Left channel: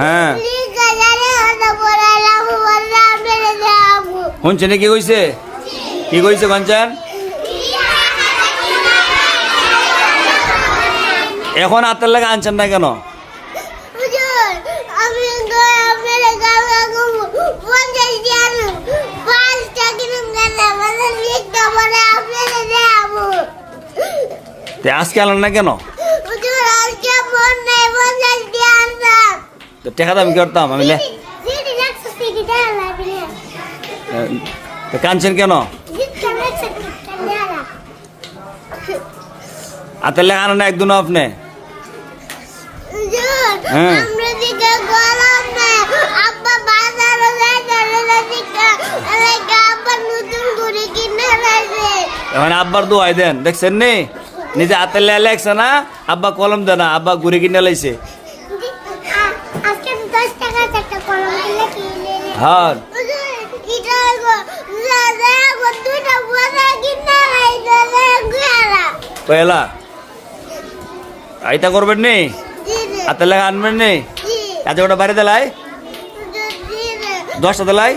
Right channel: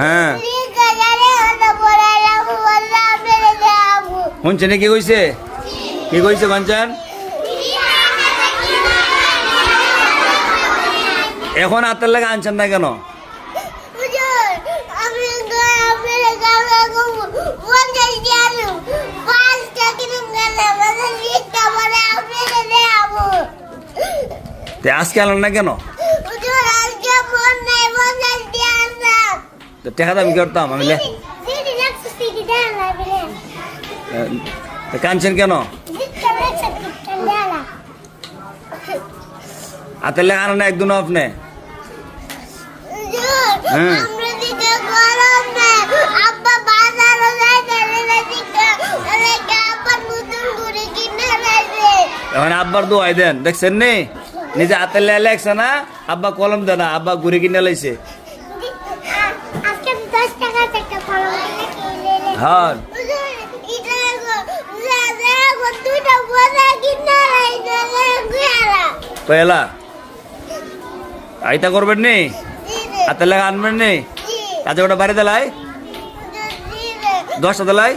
হ্যাঁ শুনছে না কি কইছে কাঞ্চন? এখন হাতের লাগে আনছেন না কেন? আজকে আনলেন না কেন? টাকা দাবি করতাম আমি। কানছেন কেন? হাতের লেখা আনেন না একদিন আপনি? হ্যাঁ এখন আব্বার দোয়াই দেন, দেখছেন নি? নিজে হাতের লেখা লেখছে না, আব্বা কলম দেয় না, আব্বা ঘুরে কিনে লাইছে। হ্যাঁ পয়লা আইতা করবেন নি, হাতের লেখা আনবেন নি, কাজে ওটা বাড়ি দেলাই 10টা দেলাই।